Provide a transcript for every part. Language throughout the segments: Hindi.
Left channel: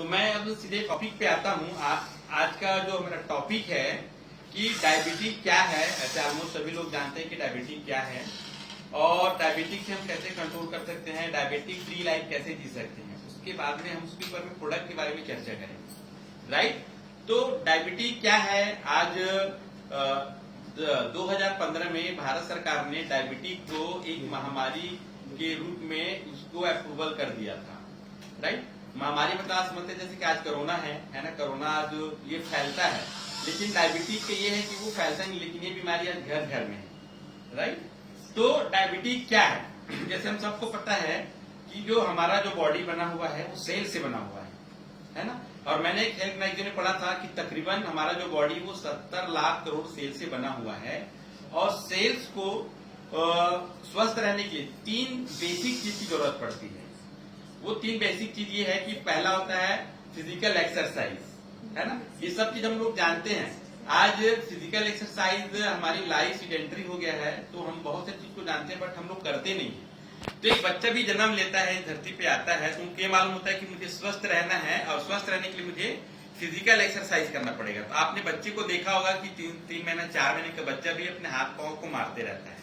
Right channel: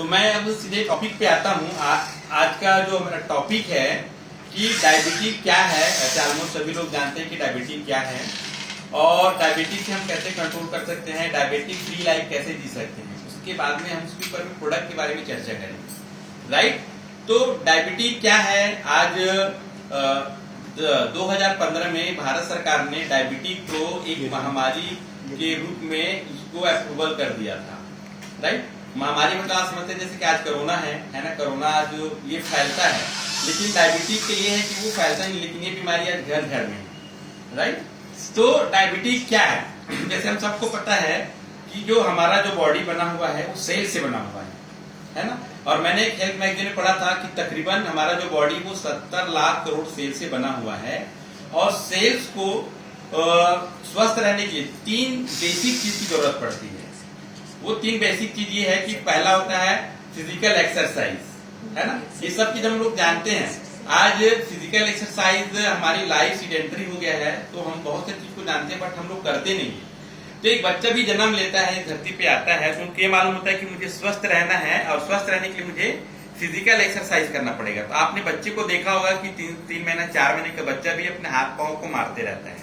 तो मैं अब सीधे टॉपिक पे आता हूँ। आज का जो मेरा टॉपिक है कि डायबिटीज क्या है। ऐसे ऑलमोस्ट सभी लोग जानते हैं कि डायबिटीज क्या है और डायबिटीज से हम कैसे कंट्रोल कर सकते हैं, डायबिटीज फ्री लाइफ कैसे जी सकते हैं। उसके बाद में हम उसके ऊपर में प्रोडक्ट के बारे में चर्चा करेंगे, राइट। तो डायबिटीज क्या है। आज 2015 में भारत सरकार ने डायबिटीज को एक महामारी के रूप में उसको अप्रूवल कर दिया था, राइट। महामारी मतलब आप समझते हैं जैसे कि आज कोरोना है ना। कोरोना आज ये फैलता है, लेकिन डायबिटीज के ये है कि वो फैलता नहीं, लेकिन ये बीमारी आज घर घर में है, राइट। तो डायबिटीज क्या है, जैसे हम सबको पता है कि जो हमारा जो बॉडी बना हुआ है वो सेल से बना हुआ है ना। और मैंने एक हेल्थ मैगजीन में पढ़ा था कि तकरीबन हमारा जो बॉडी वो 70 लाख करोड़ सेल से बना हुआ है। और सेल्स को स्वस्थ रहने के लिए 3 बेसिक चीज की जरूरत पड़ती है। वो 3 बेसिक चीज ये है कि पहला होता है फिजिकल एक्सरसाइज, है ना। ये सब चीज हम लोग जानते हैं। आज फिजिकल एक्सरसाइज हमारी लाइफ सीडेंटरी हो गया है, तो हम बहुत से चीज को जानते हैं बट हम लोग करते नहीं है। तो एक बच्चा भी जन्म लेता है, धरती पे आता है, तो उनको ये मालूम होता है कि मुझे स्वस्थ रहना है और स्वस्थ रहने के लिए मुझे फिजिकल एक्सरसाइज करना पड़ेगा। तो आपने बच्चे को देखा होगा कि 3 महीना 4 महीने का बच्चा भी अपने हाथ पांव को मारते रहता है,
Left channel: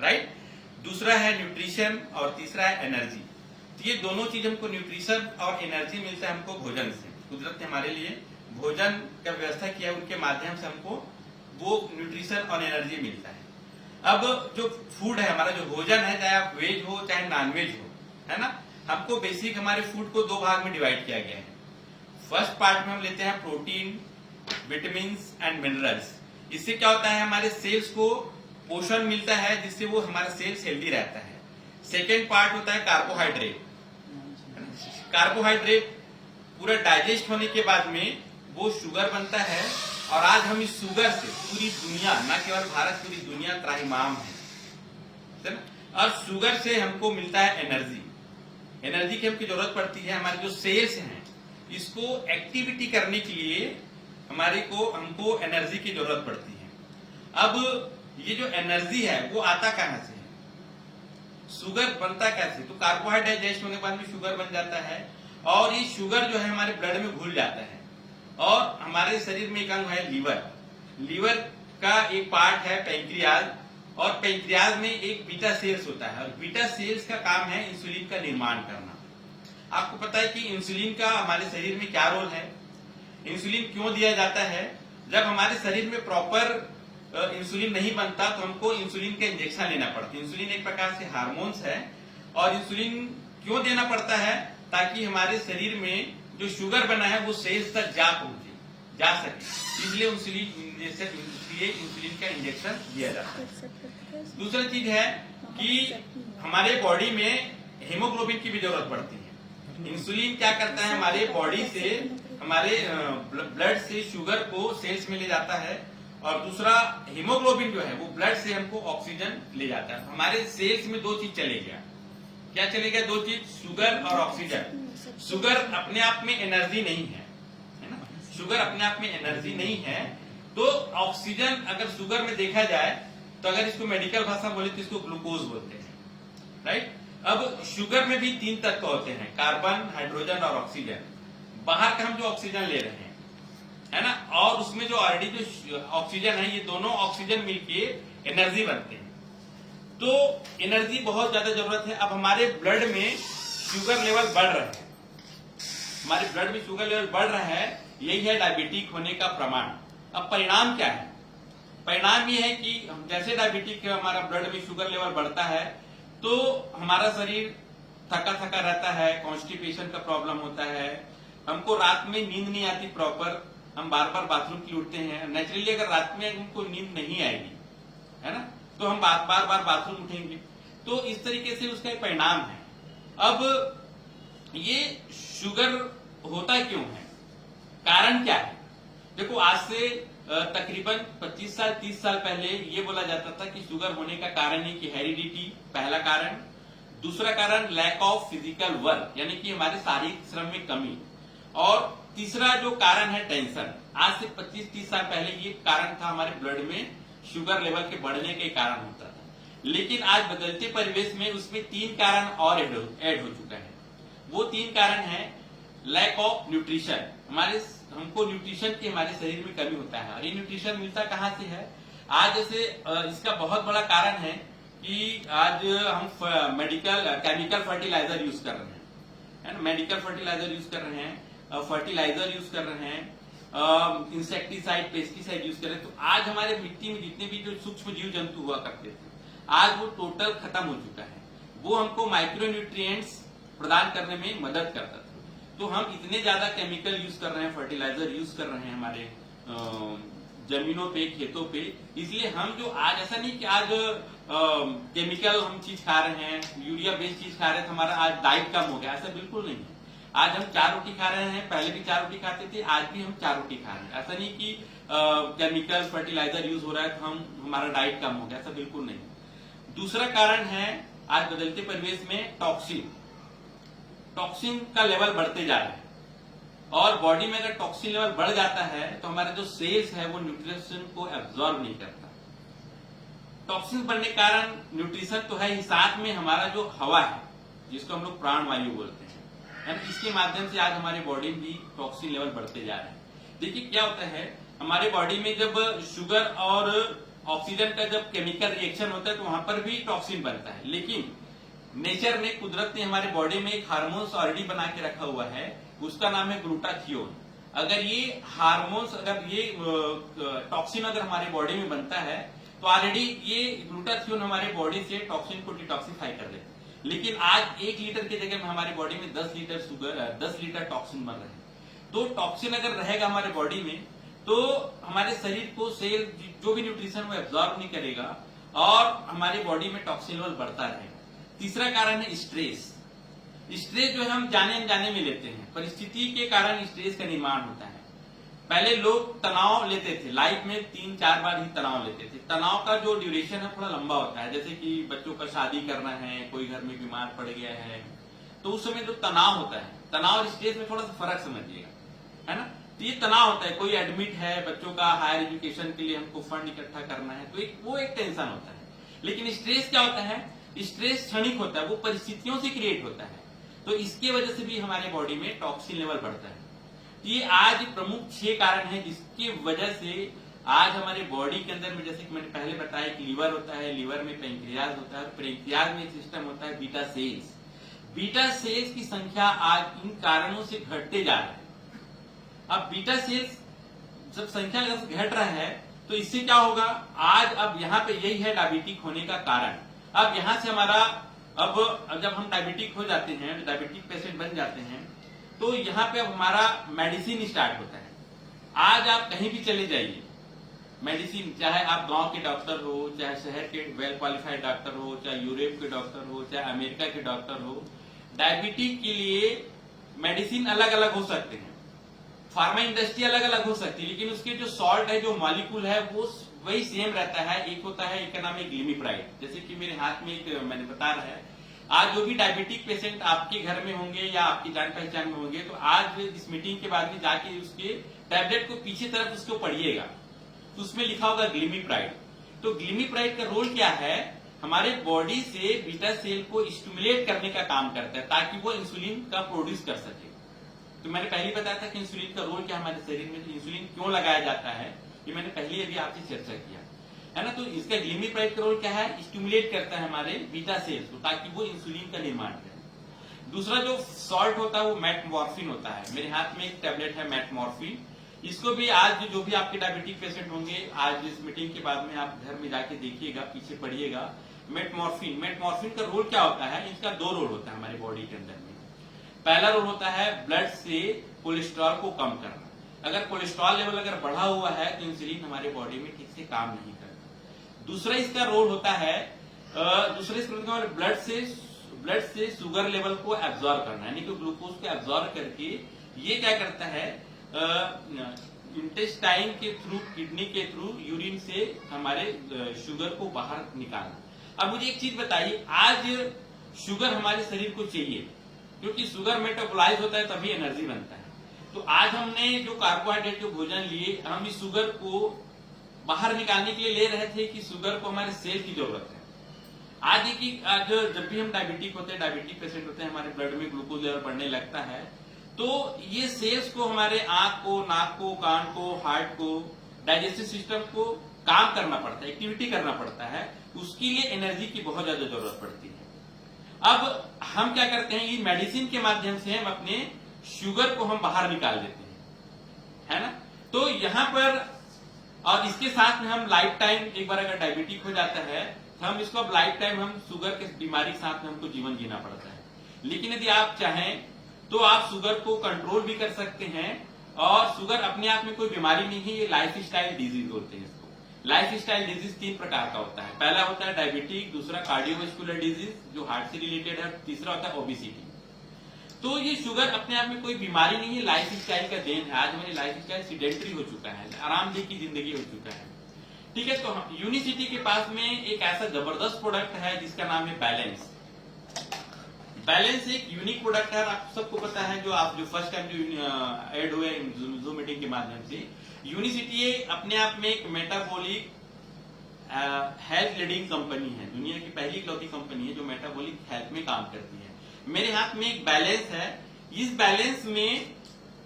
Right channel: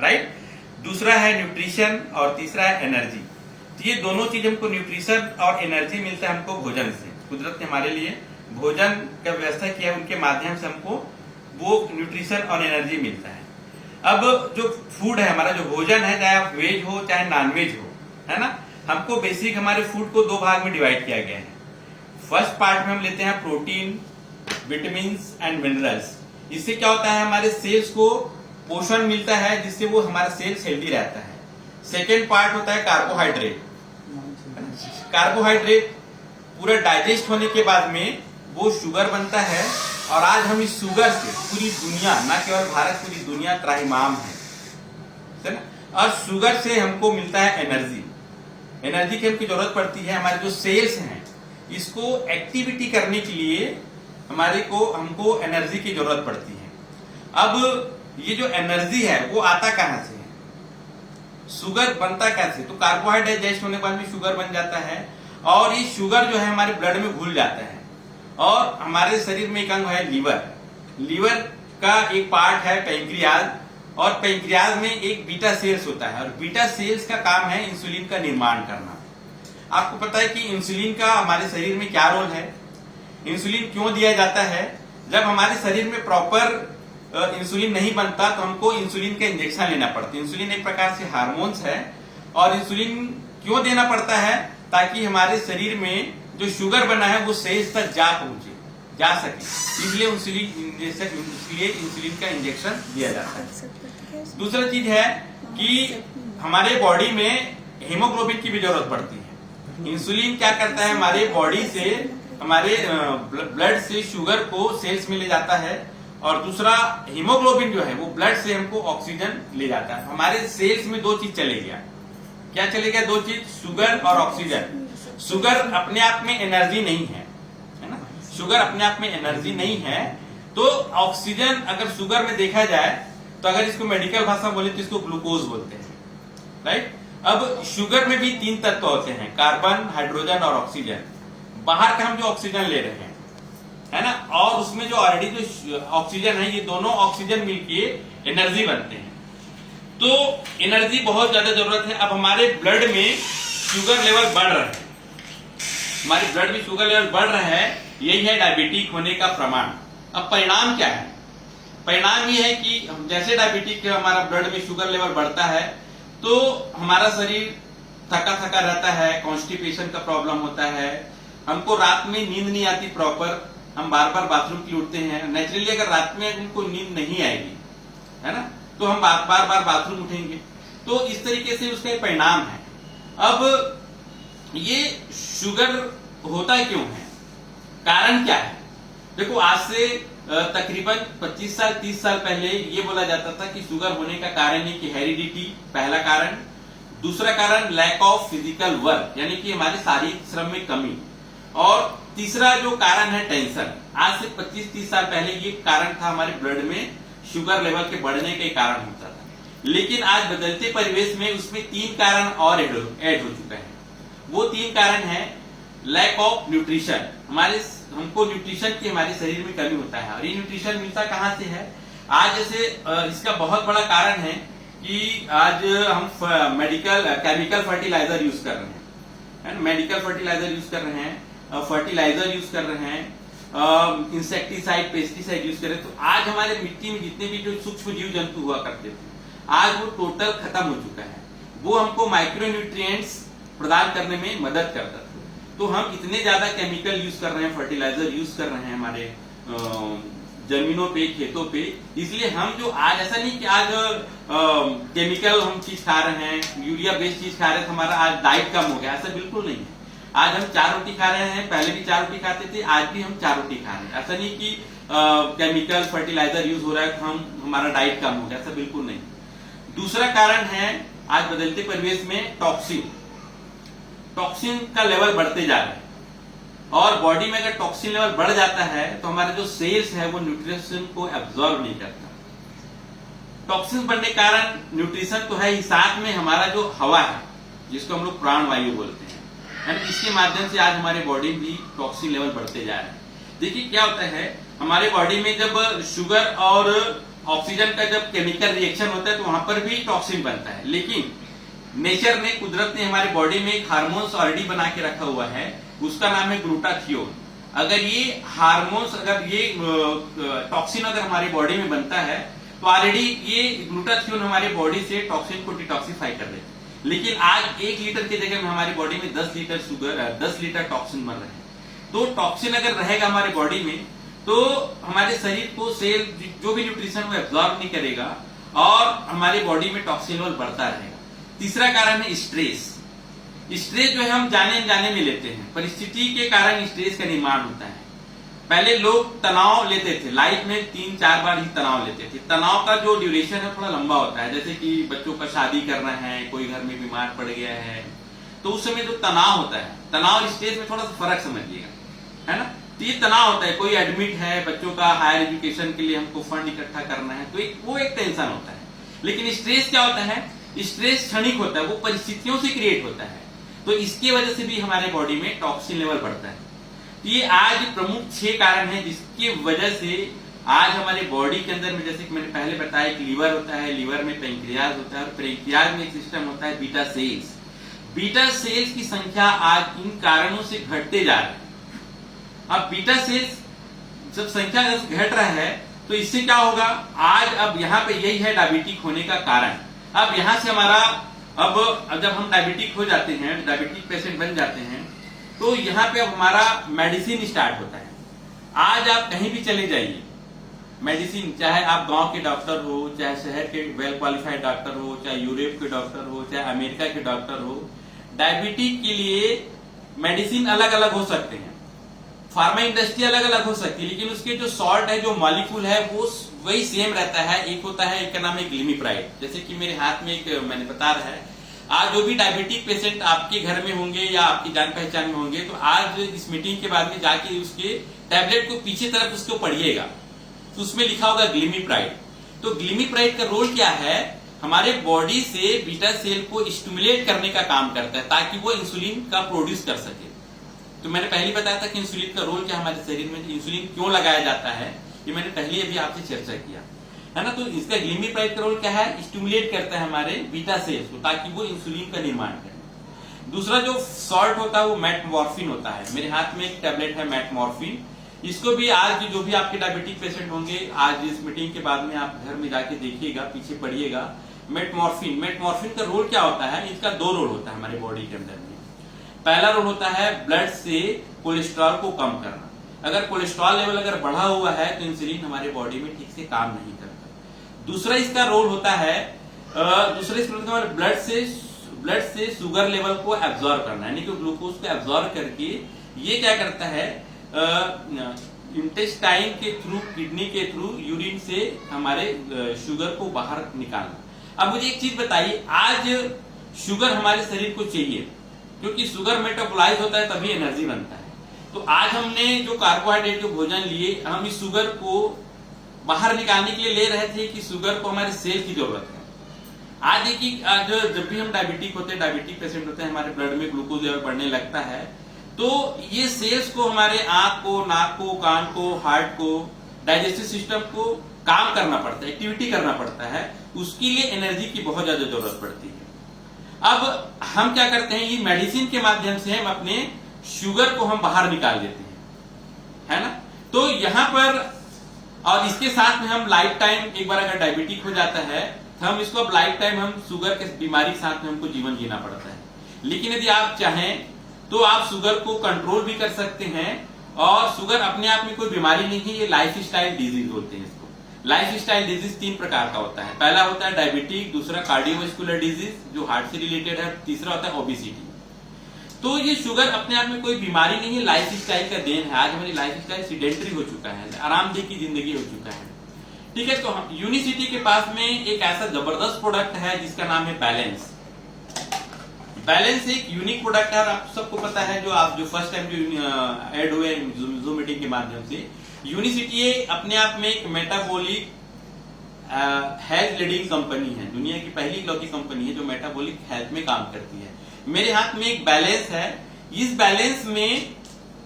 राइट। दूसरा है न्यूट्रिशन और तीसरा है एनर्जी। तो ये दोनों चीज हमको, न्यूट्रिशन और एनर्जी मिलता है हमको भोजन से। कुदरत ने हमारे लिए भोजन का व्यवस्था किया है, उनके माध्यम से हमको वो न्यूट्रिशन और एनर्जी मिलता है। अब जो फूड है, हमारा जो भोजन है, चाहे आप वेज हो चाहे नॉन वेज हो, है ना, हमको बेसिक हमारे फूड को 2 भाग में डिवाइड किया गया है। फर्स्ट पार्ट में हम लेते हैं प्रोटीन, विटामिन एंड मिनरल्स। इससे क्या होता है, हमारे सेल्स को पोषण मिलता है, जिससे वो हमारा सेल्स हेल्दी रहता है। सेकेंड पार्ट होता है कार्बोहाइड्रेट। कार्बोहाइड्रेट पूरा डाइजेस्ट होने के बाद में वो शुगर बनता है, और आज हम इस शुगर से पूरी दुनिया, न केवल भारत, पूरी दुनिया त्राहिमाम है ना। और शुगर से हमको मिलता है एनर्जी। एनर्जी की हमको जरूरत पड़ती है। हमारे जो सेल्स हैं, इसको एक्टिविटी करने के लिए हमको एनर्जी की जरूरत पड़ती है। अब ये जो एनर्जी है वो आता कहां से है, शुगर बनता कैसे। तो कार्बोहाइड्रेट डाइजेस्ट होने के बाद में शुगर बन जाता है, और ये शुगर जो है हमारे ब्लड में घुल जाता है। और हमारे शरीर में एक अंग है लीवर। लीवर का एक पार्ट है पेंक्रियाज, और पेंक्रियाज में एक बीटा सेल्स होता है, और बीटा सेल्स का काम है इंसुलिन का निर्माण करना। आपको पता है कि इंसुलिन का हमारे शरीर में क्या रोल है। इंसुलिन क्यों दिया जाता है, जब हमारे शरीर में प्रॉपर इंसुलिन नहीं बनता तो हमको इंसुलिन का इंजेक्शन लेना पड़ता है। इंसुलिन एक प्रकार से हार्मोन्स है, और इंसुलिन क्यों देना पड़ता है, ताकि हमारे शरीर में जो शुगर बना है वो सेल्स तक जा सके। इसलिए इंसुलिन का इंजेक्शन दिया जाता है। दूसरा चीज है कि हमारे बॉडी में हीमोग्लोबिन की भी जरूरत पड़ती है। इंसुलिन क्या करता है, हमारे बॉडी से, हमारे ब्लड से शुगर को सेल्स में ले जाता है, और दूसरा हीमोग्लोबिन जो है वो ब्लड से हमको ऑक्सीजन ले जाता है। हमारे सेल्स में 2 चीज चले गया। क्या चले गया? 2 चीज, शुगर और ऑक्सीजन। शुगर अपने आप में एनर्जी नहीं है ना। शुगर अपने आप में एनर्जी नहीं है, तो ऑक्सीजन अगर शुगर में देखा जाए तो अगर इसको मेडिकल भाषा बोले तो इसको ग्लूकोज बोलते हैं, राइट। अब शुगर में भी 3 तत्व होते हैं, कार्बन, हाइड्रोजन और ऑक्सीजन। बाहर का हम जो ऑक्सीजन ले रहे हैं, है ना, और उसमें जो ऑलरेडी जो ऑक्सीजन है, ये दोनों ऑक्सीजन मिलके एनर्जी बनते हैं। तो एनर्जी बहुत ज्यादा जरूरत है। अब हमारे ब्लड में शुगर लेवल बढ़ रहा है, हमारे ब्लड में शुगर लेवल बढ़ रहा है, यही है डायबिटिक होने का प्रमाण। अब परिणाम क्या है? परिणाम ये है कि जैसे डायबिटिक हमारा ब्लड में शुगर लेवल बढ़ता है तो हमारा शरीर थका थका रहता है, कॉन्स्टिपेशन का प्रॉब्लम होता है, हमको रात में नींद नहीं आती प्रॉपर, हम बार बार बाथरूम के लिए उठते हैं। नेचुरली अगर रात में हमको नींद नहीं आएगी, है ना, तो हम बार बार बाथरूम उठेंगे। तो इस तरीके से उसका परिणाम है। अब ये शुगर होता क्यों है, कारण क्या है? देखो, आज से तकरीबन 25 साल 30 साल पहले ये बोला जाता था कि शुगर होने का कारण है कि हेरिडिटी, पहला कारण। दूसरा कारण लैक ऑफ फिजिकल वर्क, यानी कि हमारे शारीरिक श्रम में कमी। और तीसरा जो कारण है टेंशन। आज से 25-30 साल पहले ये कारण था हमारे ब्लड में शुगर लेवल के बढ़ने के कारण होता था। लेकिन आज बदलते परिवेश में उसमें 3 कारण और ऐड हो चुका है। वो 3 कारण है, लैक ऑफ न्यूट्रिशन, हमको न्यूट्रिशन की हमारे शरीर में कमी होता है। और ये न्यूट्रिशन मिलता कहाँ से है? आज जैसे इसका बहुत बड़ा कारण है कि आज हम केमिकल फर्टिलाइजर यूज कर रहे हैं, मेडिकल फर्टिलाइजर यूज कर रहे हैं, फर्टिलाइजर यूज कर रहे हैं, इंसेक्टिसाइड, पेस्टिसाइड यूज कर रहे हैं। तो आज हमारे मिट्टी में जितने भी जो सूक्ष्म जीव जंतु हुआ करते थे, आज वो टोटल खत्म हो चुका है। वो हमको माइक्रो न्यूट्रिएंट्स प्रदान करने में मदद करता था। तो हम इतने ज्यादा केमिकल यूज कर रहे हैं, फर्टिलाइजर यूज कर रहे हैं हमारे जमीनों पे, खेतों पे, इसलिए हम जो आज, ऐसा नहीं कि आज केमिकल हम चीज खा रहे हैं, यूरिया बेस्ड चीज खा रहे हैं, हमारा आज डाइट कम हो गया, ऐसा बिल्कुल नहीं है। आज हम 4 रोटी खा रहे हैं, पहले भी 4 रोटी खाते थे, आज भी हम 4 रोटी खा रहे हैं। ऐसा नहीं कि केमिकल फर्टिलाइजर यूज हो रहा है तो हमारा डाइट कम हो गया, ऐसा बिल्कुल नहीं। दूसरा कारण है आज बदलते परिवेश में टॉक्सिन का लेवल बढ़ते जा रहा है। और बॉडी में अगर टॉक्सिन लेवल बढ़ जाता है तो हमारे जो सेल्स है वो न्यूट्रिशन को एब्जॉर्ब नहीं करता। टॉक्सिन बढ़ने के कारण न्यूट्रिशन तो है ही, साथ में हमारा जो हवा है जिसको हम लोग प्राण वायु बोलते हैं, इसके माध्यम से आज हमारे बॉडी में भी टॉक्सिन लेवल बढ़ते जा रहे हैं। देखिए क्या होता है, हमारे बॉडी में जब शुगर और ऑक्सीजन का जब केमिकल रिएक्शन होता है तो वहां पर भी टॉक्सिन बनता है। लेकिन नेचर ने, कुदरत ने हमारे बॉडी में एक हार्मोन्स ऑलरेडी बना के रखा हुआ है, उसका नाम है ग्लूटाथियोन। अगर ये हार्मोन्स, अगर ये टॉक्सिन अगर हमारी बॉडी में बनता है तो ऑलरेडी ये ग्लूटाथियोन हमारी बॉडी से टॉक्सिन को डिटॉक्सिफाई कर देता है। लेकिन आज 1 लीटर की जगह में हमारी बॉडी में 10 लीटर शुगर, 10 लीटर टॉक्सिन बन रहे हैं। तो टॉक्सिन अगर रहेगा हमारे बॉडी में तो हमारे शरीर को सेल जो भी न्यूट्रिशन वो एब्जॉर्ब नहीं करेगा और हमारी बॉडी में टॉक्सिन लेवल बढ़ता रहेगा। तीसरा कारण है स्ट्रेस। स्ट्रेस जो है हम जाने अनजाने में लेते हैं, परिस्थिति के कारण स्ट्रेस का निर्माण होता है। पहले लोग तनाव लेते थे, लाइफ में 3-4 बार ही तनाव लेते थे। तनाव का जो ड्यूरेशन है थोड़ा लंबा होता है, जैसे कि बच्चों का शादी करना है, कोई घर में बीमार पड़ गया है, तो उस समय जो तनाव होता है, तनाव स्ट्रेस में थोड़ा सा फर्क समझिएगा, है ना। तो ये तनाव होता है, कोई एडमिट है, बच्चों का हायर एजुकेशन के लिए हमको फंड इकट्ठा करना है, तो वो एक टेंशन होता है। लेकिन स्ट्रेस क्या होता है, स्ट्रेस क्षणिक होता है, वो परिस्थितियों से क्रिएट होता है। तो इसकी वजह से भी हमारे बॉडी में टॉक्सिन लेवल बढ़ता है। ये आज प्रमुख 6 कारण हैं जिसकी वजह से आज हमारे बॉडी के अंदर में, जैसे कि मैंने पहले बताया, एक लीवर होता है, लीवर में पेंक्रियाज होता है, और पेंक्रियाज में एक सिस्टम होता है बीटा सेल्स। बीटा सेल्स की संख्या आज इन कारणों से घटते जा रही है। अब बीटा सेल्स जब संख्या घट रहा है तो इससे क्या होगा, आज अब यहाँ पे यही है डायबिटिक होने का कारण। अब यहाँ से हमारा, अब जब हम डायबिटिक हो जाते हैं, डायबिटिक पेशेंट बन जाते हैं, तो यहाँ पे अब हमारा मेडिसिन स्टार्ट होता है। आज आप कहीं भी चले जाइए, मेडिसिन, चाहे आप गांव के डॉक्टर हो, चाहे शहर के वेल क्वालिफाइड डॉक्टर हो, चाहे यूरोप के डॉक्टर हो, चाहे अमेरिका के डॉक्टर हो, डायबिटिक के लिए मेडिसिन अलग अलग हो सकते हैं, फार्मा इंडस्ट्री अलग अलग हो सकती है, लेकिन उसके जो सॉल्ट है, जो मॉलिक्यूल है, वो वही सेम रहता है। एक होता है, एक का नाम है ग्लिमिप्राइड। जैसे कि मेरे हाथ में एक मैंने बता रहा है, आज जो भी डायबिटिक पेशेंट आपके घर में होंगे या आपकी जान पहचान में होंगे, तो आज इस मीटिंग के बाद में जाके उसके टैबलेट को पीछे तरफ उसको पढ़िएगा, तो उसमें लिखा होगा ग्लिमिप्राइड। तो ग्लिमिप्राइड का रोल क्या है, हमारे बॉडी से बीटा सेल को स्टिमुलेट करने का काम करता है ताकि वो इंसुलिन का प्रोड्यूस कर सके। तो मैंने पहले बताया था कि इंसुलिन का रोल क्या हमारे शरीर में, इंसुलिन क्यों लगाया जाता है, ये मैंने पहले अभी आपसे चर्चा किया है ना। तो इसका ग्लिमिप्राइड का रोल क्या है, स्टिमुलेट करता है हमारे बीटा सेल्स को ताकि वो इंसुलिन का निर्माण करें। दूसरा जो सॉल्ट होता है वो मेटमॉर्फिन होता है। मेरे हाथ में एक टैबलेट है मेटमॉर्फिन, इसको भी आज जो भी आपके डायबिटिक पेशेंट होंगे, आज इस मीटिंग के बाद में आप घर में जाके देखिएगा, पीछे पढ़िएगा मेटमॉर्फिन का रोल क्या होता है। इसका 2 रोल होता है हमारे बॉडी के अंदर में। पहला रोल होता है ब्लड से कोलेस्ट्रॉल को कम करना। अगर कोलेस्ट्रॉल लेवल अगर बढ़ा हुआ है तो इंसुलिन हमारे बॉडी में ठीक से काम नहीं करता। दूसरा इसका रोल होता है, ब्लड से शुगर लेवल को एब्जॉर्ब करना, यानी कि ग्लूकोज को एब्जॉर्ब करके ये क्या करता है, इंटेस्टाइन के थ्रू, किडनी के थ्रू, यूरिन से हमारे शुगर को बाहर निकालना। अब मुझे एक चीज बताइए, आज शुगर हमारे शरीर को चाहिए क्योंकि शुगर मेटाबोलाइज होता है तभी एनर्जी बनता है। तो आज हमने जो कार्बोहाइड्रेट जो भोजन लिए, हम इस शुगर को बाहर निकालने के लिए ले रहे थे कि शुगर को हमारे सेल की जरूरत है। आज देखिए, आज जब भी हम डायबिटिक होते हैं, डायबिटिक पेशेंट होते हैं, हमारे ब्लड में ग्लूकोज लेवल बढ़ने लगता है तो ये सेल्स को, हमारे आंख को, नाक को, कान को, हार्ट को, डाइजेस्टिव सिस्टम को काम करना पड़ता है, एक्टिविटी करना पड़ता है, उसके लिए एनर्जी की बहुत ज्यादा जरूरत पड़ती है। अब हम क्या करते हैं, ये मेडिसिन के माध्यम से हम अपने शुगर को हम बाहर निकाल देते हैं, है ना। तो यहाँ पर, और इसके साथ में हम लाइफ टाइम, एक बार अगर डायबिटिक हो जाता है तो हम इसको अब लाइफ टाइम हम शुगर के बीमारी के साथ में हमको जीवन जीना पड़ता है। लेकिन यदि आप चाहें तो आप शुगर को कंट्रोल भी कर सकते हैं, और शुगर अपने आप में कोई बीमारी नहीं है, ये लाइफ स्टाइल डिजीज होते हैं इसको। लाइफ स्टाइल डिजीज 3 प्रकार का होता है। पहला होता है डायबिटिक, दूसरा कार्डियोवास्कुलर डिजीज जो हार्ट से रिलेटेड है, तीसरा होता है ओबेसिटी। तो ये शुगर अपने आप में कोई बीमारी नहीं है, लाइफ स्टाइल का देन है। आज हमारी लाइफ स्टाइल सीडेंटरी हो चुका है, आरामदेह की जिंदगी हो चुका है, ठीक है। तो यूनिसिटी के पास में एक ऐसा जबरदस्त प्रोडक्ट है जिसका नाम है बैलेंस। बैलेंस एक यूनिक प्रोडक्ट है, और आप सबको पता है, जो फर्स्ट टाइम जो ऐड हुए जूम मीटिंग के माध्यम से, यूनिसिटी अपने आप में एक मेटाबॉलिक हेल्थ लीडिंग कंपनी है, दुनिया की पहली इकलौती कंपनी है जो मेटाबॉलिक हेल्थ में काम करती है। मेरे हाथ में एक बैलेंस है, इस बैलेंस में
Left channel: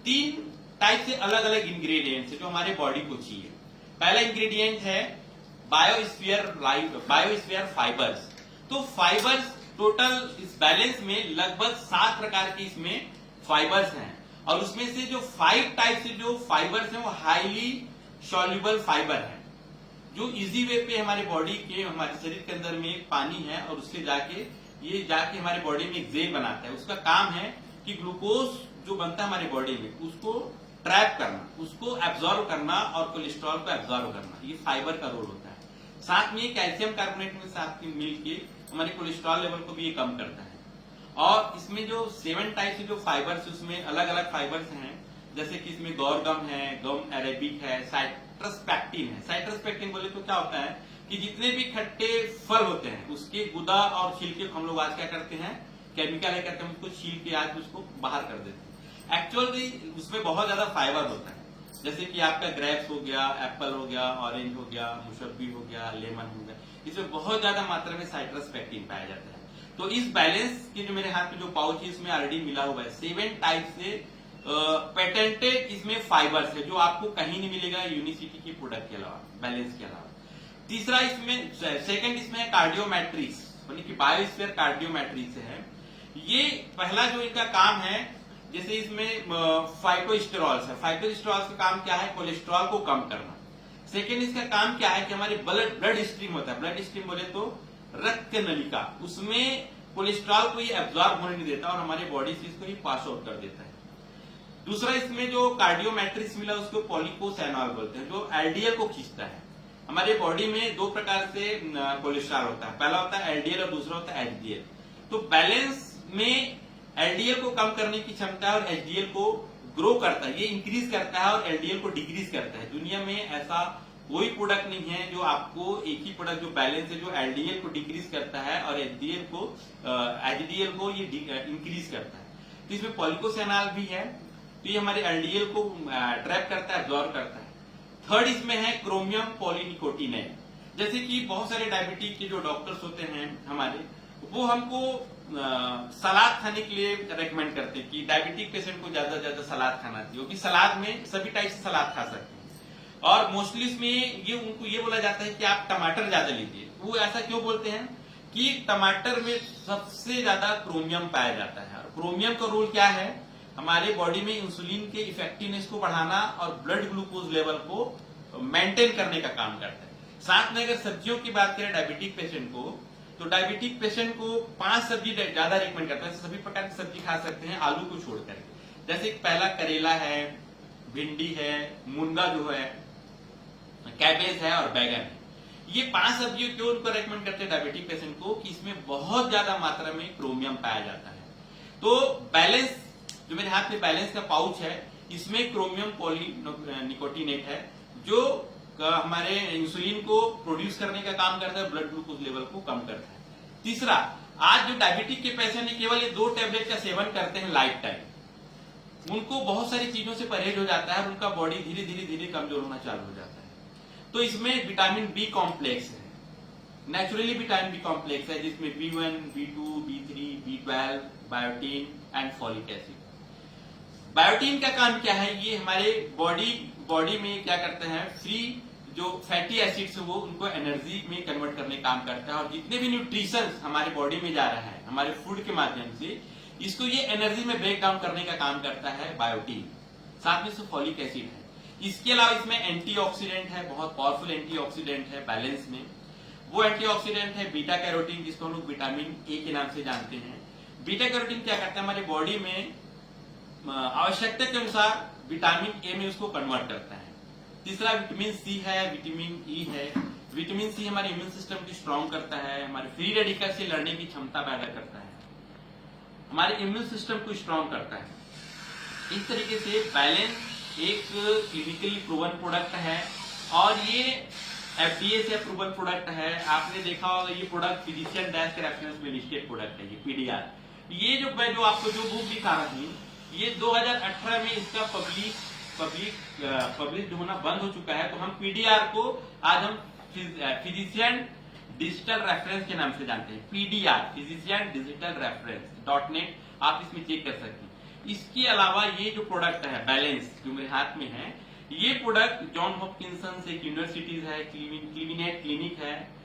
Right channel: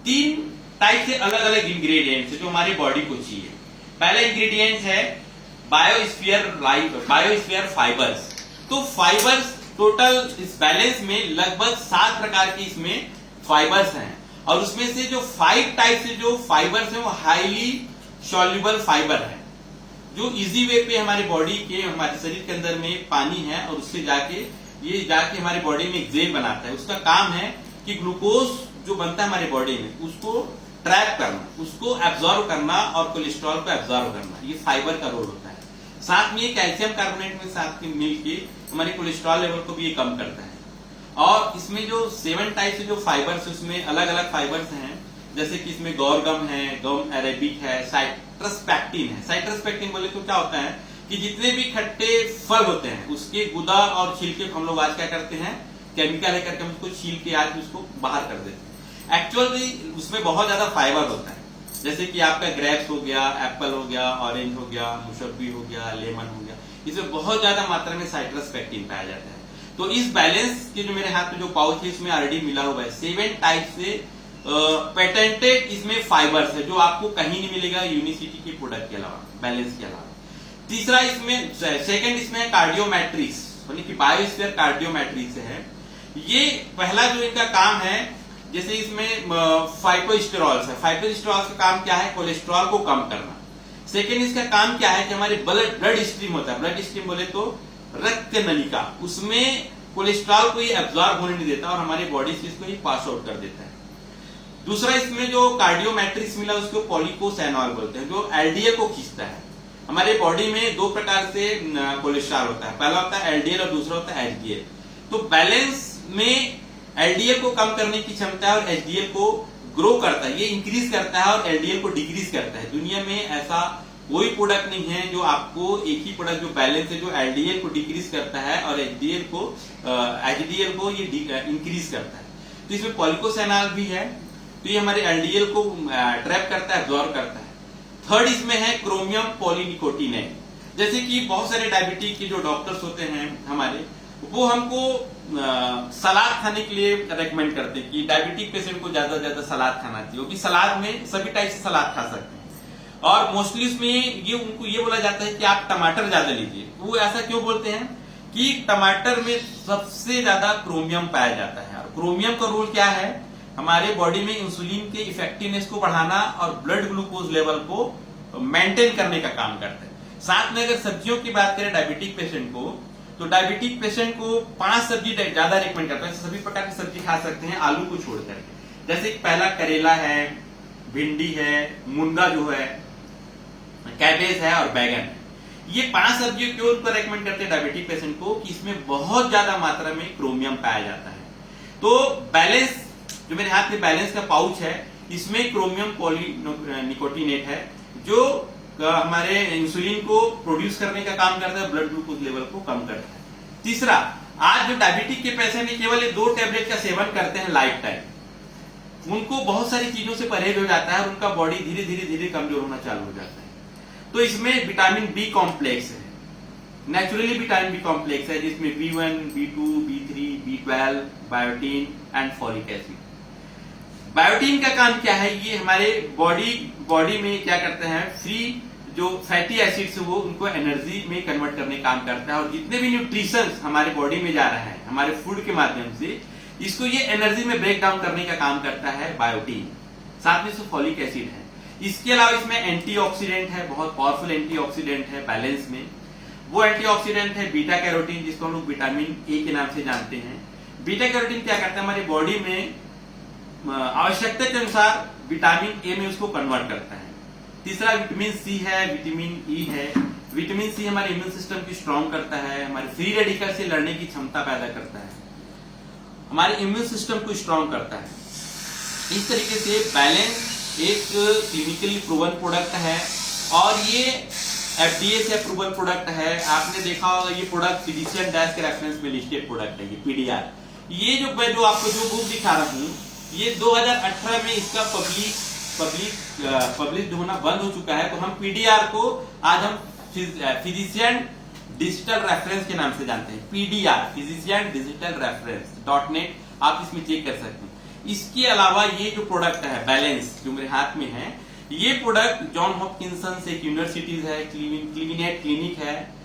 3 टाइप से अलग अलग इंग्रेडिएंट्स है जो हमारे बॉडी को चाहिए। पहला इंग्रेडिएंट है बायोस्फीयर फाइबर्स। तो फाइबर्स टोटल इस बैलेंस में लगभग 7 प्रकार के इसमें फाइबर्स हैं, और उसमें से जो 5 टाइप से जो फाइबर्स हैं वो हाईली सॉल्युबल फाइबर है, जो इजी वे पे हमारे बॉडी के, हमारे शरीर के अंदर में पानी है और उससे जाके हमारी बॉडी में एक जेल बनाता है। उसका काम है कि ग्लूकोज जो बनता है हमारे बॉडी में उसको ट्रैप करना, उसको एब्जॉर्व करना और कोलेस्ट्रॉल को एब्जॉर्व करना, ये फाइबर का रोल होता है। साथ में कैल्शियम कार्बोनेट में साथ में मिलके हमारे कोलेस्ट्रॉल लेवल को भी ये कम करता है। और इसमें जो 7 टाइप से जो फाइबर्स, उसमें अलग अलग फाइबर्स हैं, जैसे कि इसमें गौरगम है, गम अरेबिक है, साइट्रसपेक्टिन है। साइट्रसपेक्टिन बोले तो क्या होता है कि जितने भी खट्टे फल होते हैं उसके गुदा और छिलके को हम लोग आज क्या करते हैं, केमिकल है करके हम उसको छील के आज उसको बाहर कर देते हैं। एक्चुअली उसमें बहुत ज्यादा फाइबर होता है, जैसे कि आपका ग्रेप्स हो गया, एप्पल हो गया, ऑरेंज हो गया, मुसब्बी हो गया, लेमन हो गया, इसमें बहुत ज्यादा मात्रा में साइट्रसपेक्टिन पाया जाता है। तो इस बैलेंस के जो मेरे हाथ में जो पाउच है इसमें ऑलरेडी मिला हुआ है 7 टाइप से पेटेंटेड इसमें फाइबर्स है, जो आपको कहीं नहीं मिलेगा यूनिसिटी के प्रोडक्ट के अलावा, बैलेंस के अलावा। तीसरा इसमें, सेकंड इसमें कार्डियोमेट्रिक्स, यानी कि बायोस्फीयर कार्डियोमेट्रिक्स है। ये पहला जो इनका काम है, जैसे इसमें फाइटोस्टेरॉल्स है। फाइटोस्टेरॉल्स का काम क्या है, कोलेस्ट्रॉल को कम करना। सेकंड इसका काम क्या है कि हमारे ब्लड स्ट्रीम होता है, ब्लड स्ट्रीम बोले तो रक्त नलिका, उसमें कोलेस्ट्रॉल को ये एब्जॉर्ब होने नहीं देता और हमारी बॉडी से इसको ये पास आउट कर देता है। दूसरा इसमें जो कार्डियोमेट्रिक्स मिला उसको पॉलीकोसेनॉल बोलते हैं, जो एलडीएल को खींचता है। हमारे बॉडी में 2 प्रकार से कोलेस्ट्रॉल होता है, पहला होता है एलडीएल और दूसरा होता है एचडीएल। तो बैलेंस में एलडीएल को कम करने की क्षमता है और एचडीएल को ग्रो करता है, ये इंक्रीज करता है और एलडीएल को डिक्रीज करता है। दुनिया में ऐसा कोई प्रोडक्ट नहीं है जो आपको एक ही प्रोडक्ट जो बैलेंस है, जो एलडीएल को डिक्रीज करता है और एचडीएल को ये इंक्रीज करता है। तो इसमें पॉलीकोसेनॉल भी है, तो ये हमारे एलडीएल को ट्रैप करता है, एब्जॉर्ब करता है। थर्ड इसमें है क्रोमियम पॉलीनिकोटिनेट। जैसे कि बहुत सारे डायबिटिक के जो डॉक्टर्स होते हैं हमारे, वो हमको सलाद खाने के लिए रेकमेंड करते हैं कि डायबिटिक पेशेंट को ज्यादा से ज्यादा सलाद खाना चाहिए, क्योंकि सलाद में सभी टाइप से सलाद खा सकते हैं। और मोस्टली इसमें ये उनको ये बोला जाता है कि आप टमाटर ज्यादा लीजिए। वो ऐसा क्यों बोलते हैं कि टमाटर में सबसे ज्यादा क्रोमियम पाया जाता है, और क्रोमियम का रोल क्या है, हमारे बॉडी में इंसुलिन के इफेक्टिवनेस को बढ़ाना और ब्लड ग्लूकोज लेवल को मेंटेन करने का काम करता है। साथ में अगर सब्जियों की बात करें डायबिटिक पेशेंट को, तो डायबिटिक पेशेंट को 5 सब्जी ज्यादा रिकमेंड करता है। सभी प्रकार की सब्जी खा सकते हैं आलू को छोड़ करके, जैसे पहला करेला है, भिंडी है, मुनगा जो है, कैबेज है और बैगन है। ये 5 सब्जियों क्यों उनको रेकमेंड करते हैं डायबिटिक पेशेंट को, कि इसमें बहुत ज्यादा मात्रा में क्रोमियम पाया जाता है। तो बैलेंस जो मेरे हाथ में बैलेंस का पाउच है, इसमें क्रोमियम पॉलीनिकोटिनेट है, जो हमारे इंसुलिन को प्रोड्यूस करने का काम करता है, ब्लड ग्लूकोज लेवल को कम करता है। तीसरा, आज जो डायबिटिक के पेशेंट है केवल ये 2 टैबलेट का सेवन करते हैं लाइफ टाइम, उनको बहुत सारी चीजों से परहेज हो जाता है और उनका बॉडी धीरे धीरे धीरे कमजोर होना चालू हो जाता है। तो इसमें विटामिन बी कॉम्प्लेक्स है, नेचुरली विटामिन बी कॉम्प्लेक्स है, जिसमें B1, B2, B3, B12, biotin and folic acid. Biotin का काम क्या है, ये हमारे बॉडी में क्या करते हैं, फ्री जो फैटी एसिड्स वो उनको एनर्जी में कन्वर्ट करने का काम करता है, और जितने भी न्यूट्रिशंस हमारे बॉडी में जा रहा है हमारे फूड के माध्यम से, इसको ये एनर्जी में ब्रेक डाउन करने का काम करता है बायोटीन। साथ में फॉलिक एसिड है। इसके अलावा इसमें एंटीऑक्सीडेंट है, बहुत पावरफुल एंटीऑक्सीडेंट है बैलेंस में। वो एंटीऑक्सीडेंट है बीटा कैरोटीन, जिसको हम लोग विटामिन ए के नाम से जानते हैं। बीटा कैरोटीन क्या करता है, हमारी बॉडी में आवश्यकता के अनुसार विटामिन ए में उसको कन्वर्ट करता है। तीसरा विटामिन सी है, विटामिन ई है। विटामिन सी हमारे इम्यून सिस्टम को स्ट्रॉन्ग करता है, हमारे फ्री रेडिकल से लड़ने की क्षमता पैदा करता है, हमारे इम्यून सिस्टम को स्ट्रॉन्ग करता है। इस तरीके से बैलेंस एक क्लिनिकली प्रूवन प्रोडक्ट है, और ये एफडीए से अप्रूवल प्रोडक्ट है। आपने देखा होगा ये प्रोडक्ट फिजिशियन डैश के रेफरेंस में लिस्टेड प्रोडक्ट है, ये पीडीआर। ये जो मैं जो आपको जो बुक दिखा रहा हूँ, ये 2018 में इसका पब्लिश होना बंद हो चुका है। तो हम पीडीआर को आज हम फिजिशियन डिजिटल रेफरेंस के नाम से जानते हैं। पीडीआर फिजिशियन डिजिटल रेफरेंस.net, आप इसमें चेक कर सकते हैं। इसके अलावा ये जो प्रोडक्ट है बैलेंस, जो मेरे हाथ में है, ये प्रोडक्ट जॉन हॉपकिंसन एक यूनिवर्सिटीज है, क्लिविनेट क्लिनिक है।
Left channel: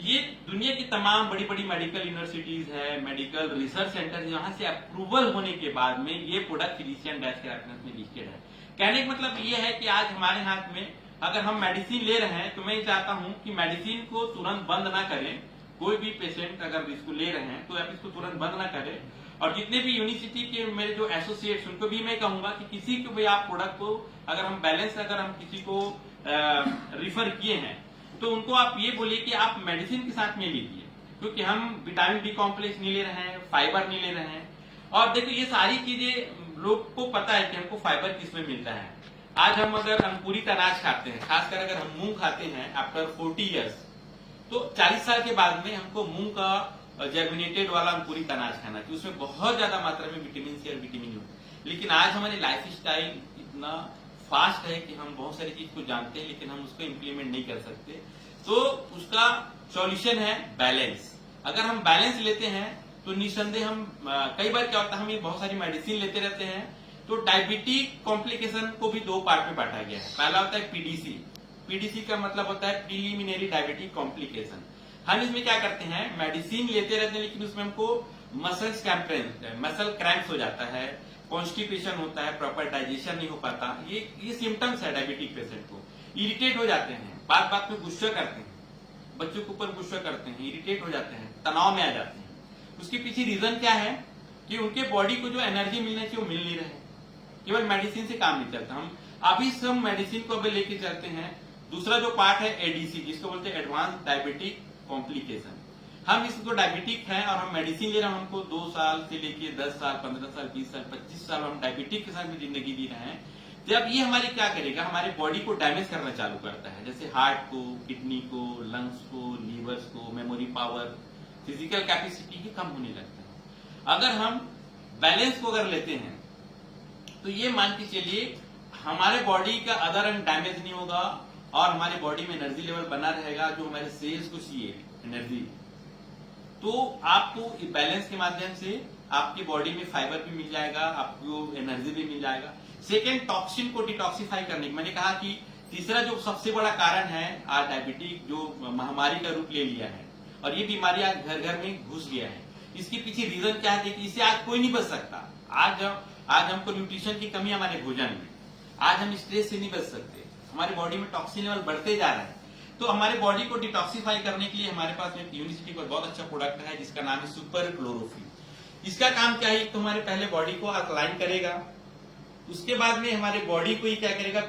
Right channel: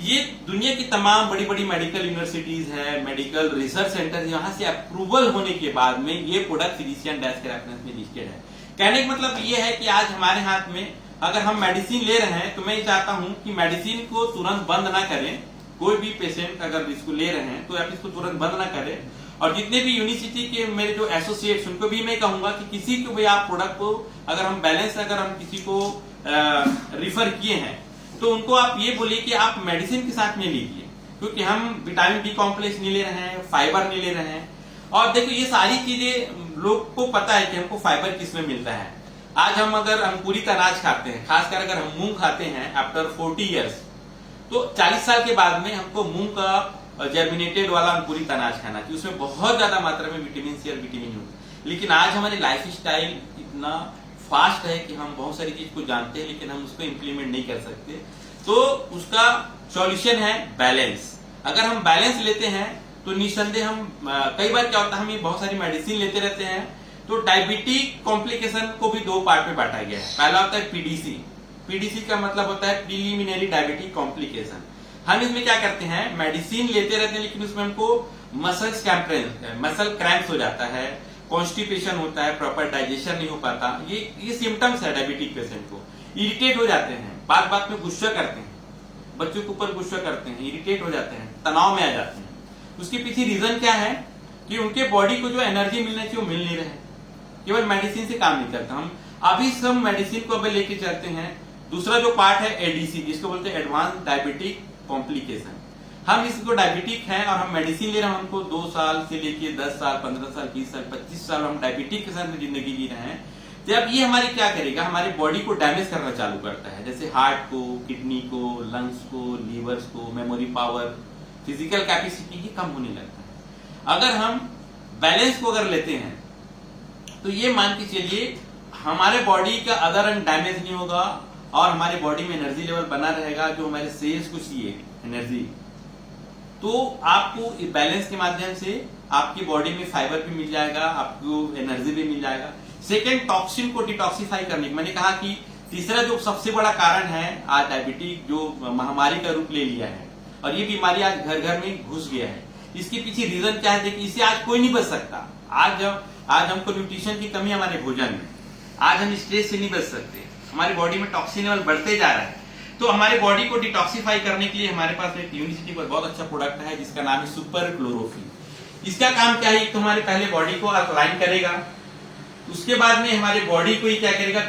ये दुनिया की तमाम बड़ी बड़ी मेडिकल यूनिवर्सिटीज है, मेडिकल रिसर्च सेंटर, यहाँ से अप्रूवल होने के बाद में ये प्रोडक्ट फिजिशियन डैश के रेफरेंस में लिस्टेड है। कहने का मतलब ये है कि आज हमारे हाथ में अगर हम मेडिसिन ले रहे हैं, तो मैं ये चाहता हूं कि मेडिसिन को तुरंत बंद ना करें। कोई भी पेशेंट अगर इसको ले रहे हैं तो आप इसको तुरंत बंद ना करें। और जितने भी यूनिवर्सिटी के मेरे जो एसोसिएट्स, उनको भी मैं कहूंगा कि किसी को भी आप प्रोडक्ट को अगर हम बैलेंस अगर हम किसी को रिफर किए हैं, तो उनको आप ये बोलिए कि आप मेडिसिन के साथ में लीजिए, क्योंकि हम विटामिन बी कॉम्प्लेक्स नहीं ले रहे हैं, फाइबर नहीं ले रहे हैं। और देखो ये सारी चीजें लोग को पता है कि हमको फाइबर किसमें मिलता है। आज हम अगर अंकुरित अनाज खाते हैं, खासकर अगर हम मूंग खाते हैं आफ्टर 40 इयर्स, तो 40 साल के बाद में हमको मूंग का जर्मिनेटेड वाला अंकुरित अनाज खाना चाहिए। उसमें बहुत ज्यादा मात्रा में विटामिन सी और विटामिन यू। लेकिन आज हमारी लाइफ स्टाइल इतना फास्ट है कि हम बहुत सारी चीज को जानते हैं, लेकिन हम उसको इम्प्लीमेंट नहीं कर सकते। तो उसका सॉल्यूशन है बैलेंस। अगर हम बैलेंस लेते हैं तो निस्संदेह हम कई बार क्या होता है, हम ये बहुत सारी मेडिसिन लेते रहते हैं, तो डायबिटिक कॉम्प्लिकेशन को भी 2 पार्ट में बांटा गया है। पहला होता है पीडीसी। पीडीसी का मतलब होता है प्रीलिमिनरी डायबिटिक कॉम्प्लिकेशन। हम इसमें क्या करते हैं, मेडिसिन लेते रहते हैं, लेकिन उसमें हमको मसल क्रैम्प्स हो जाता है, कॉन्स्टिपेशन होता है, प्रॉपर डाइजेशन नहीं हो पाता। ये सिम्टम्स है डायबिटिक पेशेंट को। इरिटेट हो जाते हैं, बात बात में गुस्सा करते हैं, बच्चों के ऊपर गुस्सा करते हैं, इरिटेट हो जाते हैं, तनाव में आ जाते हैं। उसके पीछे रीजन क्या है कि उनके बॉडी को जो एनर्जी मिलना चाहिए वो मिल नहीं रहे, केवल मेडिसिन से काम नहीं चलता। हम अभी सब मेडिसिन को अभी लेके चलते हैं। दूसरा जो पार्ट है एडीसी, जिसको बोलते हैं एडवांस डायबिटिक कॉम्प्लिकेशन। हम इसको डायबिटिक हैं और हम मेडिसिन ले रहे हैं, हमको 2 साल से लेके 10 साल, 15 साल, 20 साल, 25 साल हम डायबिटिक के साथ जिंदगी जी रहे हैं। तो अब ये हमारे क्या करेगा, हमारे बॉडी को डैमेज करना चालू करता है, जैसे हार्ट को, किडनी को, लंग्स को, लीवर्स को, मेमोरी पावर, फिजिकल कैपेसिटी ही कम होने लगता है। अगर हम बैलेंस को अगर लेते हैं तो ये मान के चलिए हमारे बॉडी का अदर अंग डैमेज नहीं होगा और हमारे बॉडी में एनर्जी लेवल बना रहेगा, जो हमारे सेल्स को चाहिए एनर्जी। तो आपको बैलेंस के माध्यम से आपकी बॉडी में फाइबर भी मिल जाएगा, आपको एनर्जी भी मिल जाएगा। सेकेंड, टॉक्सिन को डिटॉक्सिफाई करने, मैंने कहा कि तीसरा जो सबसे बड़ा कारण है आज डायबिटीज जो महामारी का रूप ले लिया है, और ये बीमारी आज घर घर में घुस गया है। इसके पीछे रीजन क्या है कि इससे आज कोई नहीं बच सकता। आज हमको न्यूट्रिशन की कमी हमारे भोजन में, आज हम स्ट्रेस से नहीं बच सकते, हमारी बॉडी में टॉक्सिन लेवल बढ़ते जा रहा है। तो हमारे बॉडी को डिटॉक्सिफाई करने के लिए हमारे पास एक यूनिवर्सिटी पर बहुत अच्छा प्रोडक्ट है जिसका नाम है सुपर क्लोरोफिल। इसका काम क्या है, तो हमारे पहले बॉडी को अलाइन करेगा, उसके बाद में हमारे बॉडी को क्या करेगा,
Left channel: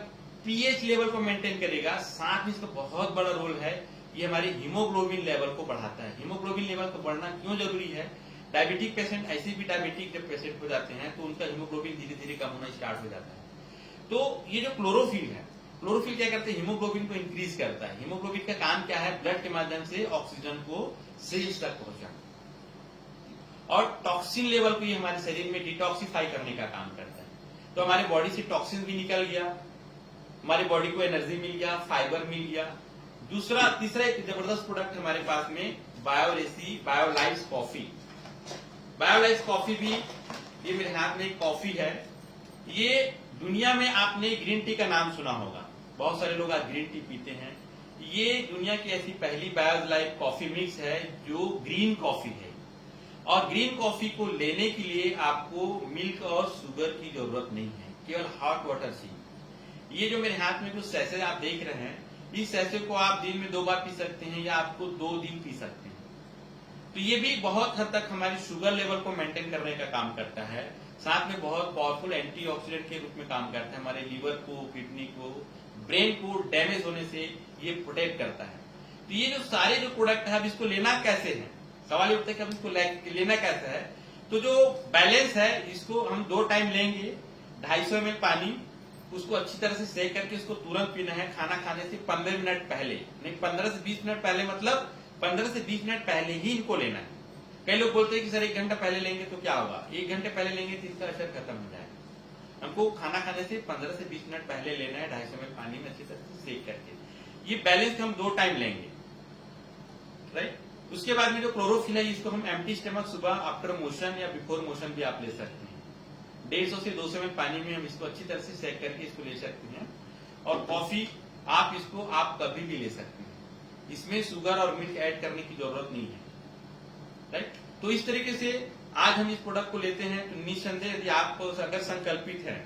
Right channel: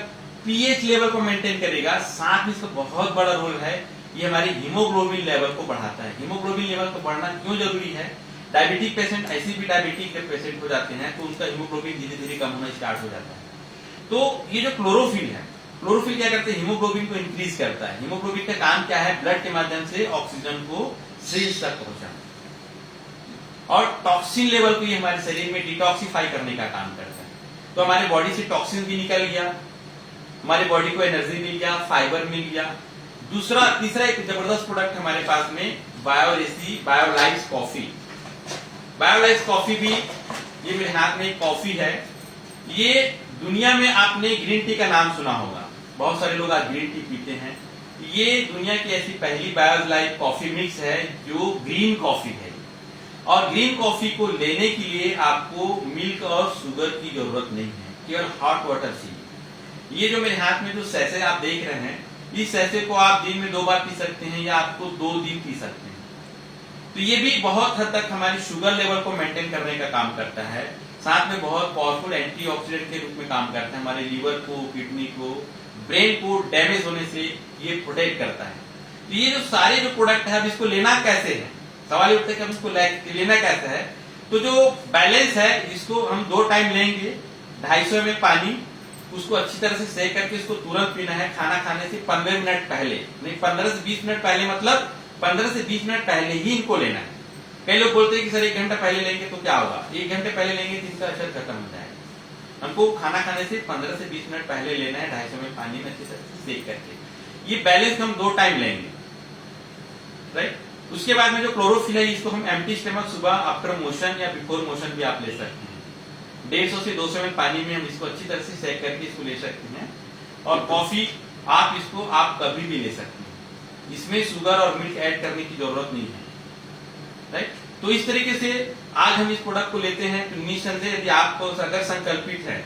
पीएच लेवल को मेंटेन करेगा। साथ में इसका बहुत बड़ा रोल है, ये हमारे हीमोग्लोबिन लेवल को बढ़ाता है। हीमोग्लोबिन लेवल को बढ़ना क्यों जरूरी है, डायबिटिक पेशेंट, ऐसे भी डायबिटिक पेशेंट हो जाते हैं तो उनका हीमोग्लोबिन धीरे धीरे कम होना स्टार्ट हो जाता है। तो ये जो क्लोरोफिल है, क्लोरोफिल क्या करते हैं, हीमोग्लोबिन को इंक्रीज करता है। हीमोग्लोबिन का काम क्या है, ब्लड के माध्यम से ऑक्सीजन को सेल्स तक पहुंचाना, और टॉक्सिन लेवल को ये हमारे शरीर में डिटॉक्सिफाई करने का काम करता है। तो हमारे बॉडी से टॉक्सिन भी निकल गया, हमारी बॉडी को एनर्जी मिल गया, फाइबर मिल गया। तीसरा एक जबरदस्त प्रोडक्ट हमारे पास में बायोलाइज कॉफी भी, ये मेरे हाथ में कॉफी है, ये दुनिया में आपने ग्रीन टी का नाम सुना होगा, बहुत सारे लोग आज ग्रीन टी पीते हैं। ये दुनिया की ऐसी पहली बायोलाइट कॉफी मिक्स है जो ग्रीन कॉफी है। और ग्रीन कॉफी को लेने के लिए आपको मिल्क और शुगर की जरूरत नहीं है, केवल हॉट वाटर चाहिए। ये जो मेरे हाथ में जो सैसे आप देख रहे हैं, इस सैसे को आप दिन में 2 बार पी सकते हैं या आपको 2 दिन पी सकते हैं। तो ये भी बहुत हद तक हमारी शुगर लेवल को मेंटेन करने का काम करता है, साथ में बहुत पावरफुल एंटीऑक्सीडेंट के रूप में काम करता है। हमारे लीवर को, किडनी को, ब्रेन को डैमेज होने से ये प्रोटेक्ट करता है। तो ये जो सारे जो प्रोडक्ट है, अब इसको लेना कैसे है, सवाल उठता है कि अब इसको लेना कैसे है। तो जो बैलेंस है, इसको हम 2 टाइम लेंगे। 250 ml पानी, उसको अच्छी तरह से सेक करके इसको तुरंत पीना है, खाना खाने से 15 मिनट पहले, नहीं 15 से 20 मिनट पहले, मतलब 15 से 20 मिनट पहले ही इनको लेना है। कई लोग बोलते हैं कि सर 1 घंटा पहले लेंगे तो क्या होगा? 1 घंटे पहले लेंगे तो इसका असर खत्म हो जाएगा। हमको खाना खाने से 15 से 20 मिनट पहले लेना है, 250 ml पानी में अच्छी तरह से सेक करके। ये बैलेंस हम 2 टाइम लेंगे, राइट। उसके बाद में जो क्लोरोफिल है, इसको हम एम्प्टी स्टमक सुबह आफ्टर मोशन या बिफोर मोशन भी आप ले सकते हैं। 150 से 200 ml पानी में हम इसको अच्छी तरह से सेक करके इसको ले सकते हैं। और कॉफी आप इसको आप कभी भी ले सकते हैं, इसमें शुगर और मिल्क ऐड करने की जरूरत नहीं है, राइट। तो इस तरीके से आज हम इस प्रोडक्ट को लेते हैं तो निस्संदेह यदि आपको अगर संकल्पित है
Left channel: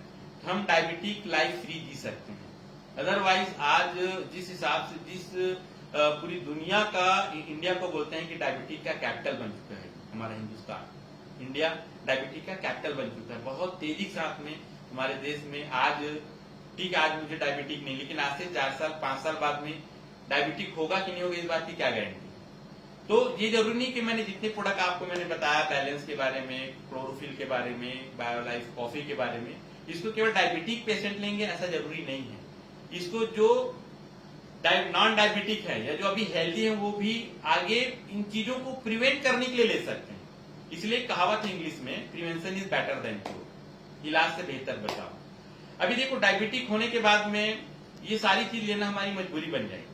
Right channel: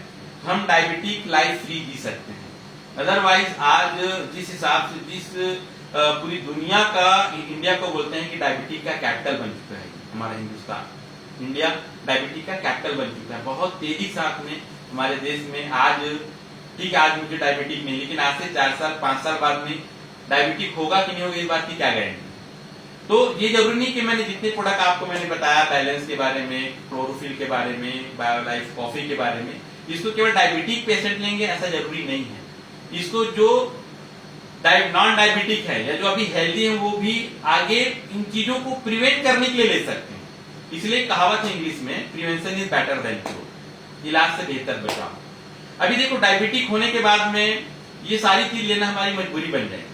तो हम डायबिटिक लाइफ फ्री जी सकते हैं। अदरवाइज आज जिस हिसाब से जिस पूरी दुनिया का, इंडिया को बोलते हैं कि डायबिटिक का कैपिटल बन चुका है हमारा हिंदुस्तान, इंडिया डायबिटिक का कैपिटल बन चुका है। बहुत तेजी साथ में हमारे देश में आज, ठीक है आज मुझे डायबिटिक नहीं, लेकिन आज से 4 साल 5 साल बाद में डायबिटिक होगा कि नहीं होगा, इस बात की क्या गारंटी। तो ये जरूरी नहीं कि मैंने जितने प्रोडक्ट आपको मैंने बताया, बैलेंस के बारे में, क्लोरोफिल के बारे में, बायोलाइफ कॉफी के बारे में, इसको केवल डायबिटिक पेशेंट लेंगे ऐसा जरूरी नहीं है। इसको जो नॉन डायबिटिक है या जो अभी हेल्दी है वो भी आगे इन चीजों को प्रिवेंट करने के लिए ले सकते हैं। इसलिए कहावत है इंग्लिश में, prevention is better than cure, इलाज से बेहतर बचाव। अभी देखो डायबिटिक होने के बाद में ये सारी चीज लेना हमारी मजबूरी बन जाएगी,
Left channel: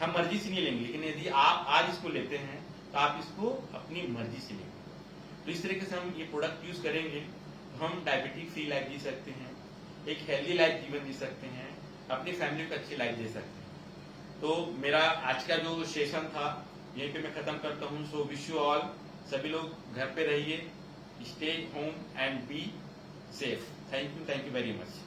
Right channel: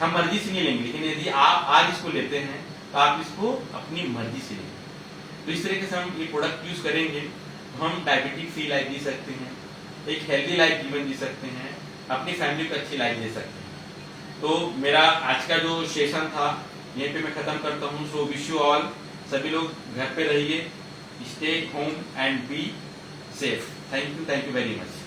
हम मर्जी से नहीं लेंगे। लेकिन यदि आप आज इसको लेते हैं तो आप इसको अपनी मर्जी से लेंगे। तो इस तरीके से हम ये प्रोडक्ट यूज करेंगे तो हम डायबिटिक फ्री लाइफ जी सकते हैं, एक हेल्दी लाइफ जीवन जी सकते हैं, अपनी फैमिली को अच्छी लाइफ दे सकते हैं। तो मेरा आज का जो सेशन था यहीं पे मैं खत्म करता हूँ। सो विश यू ऑल, सभी लोग घर पे रहिए, stay home and be safe. Thank you very much.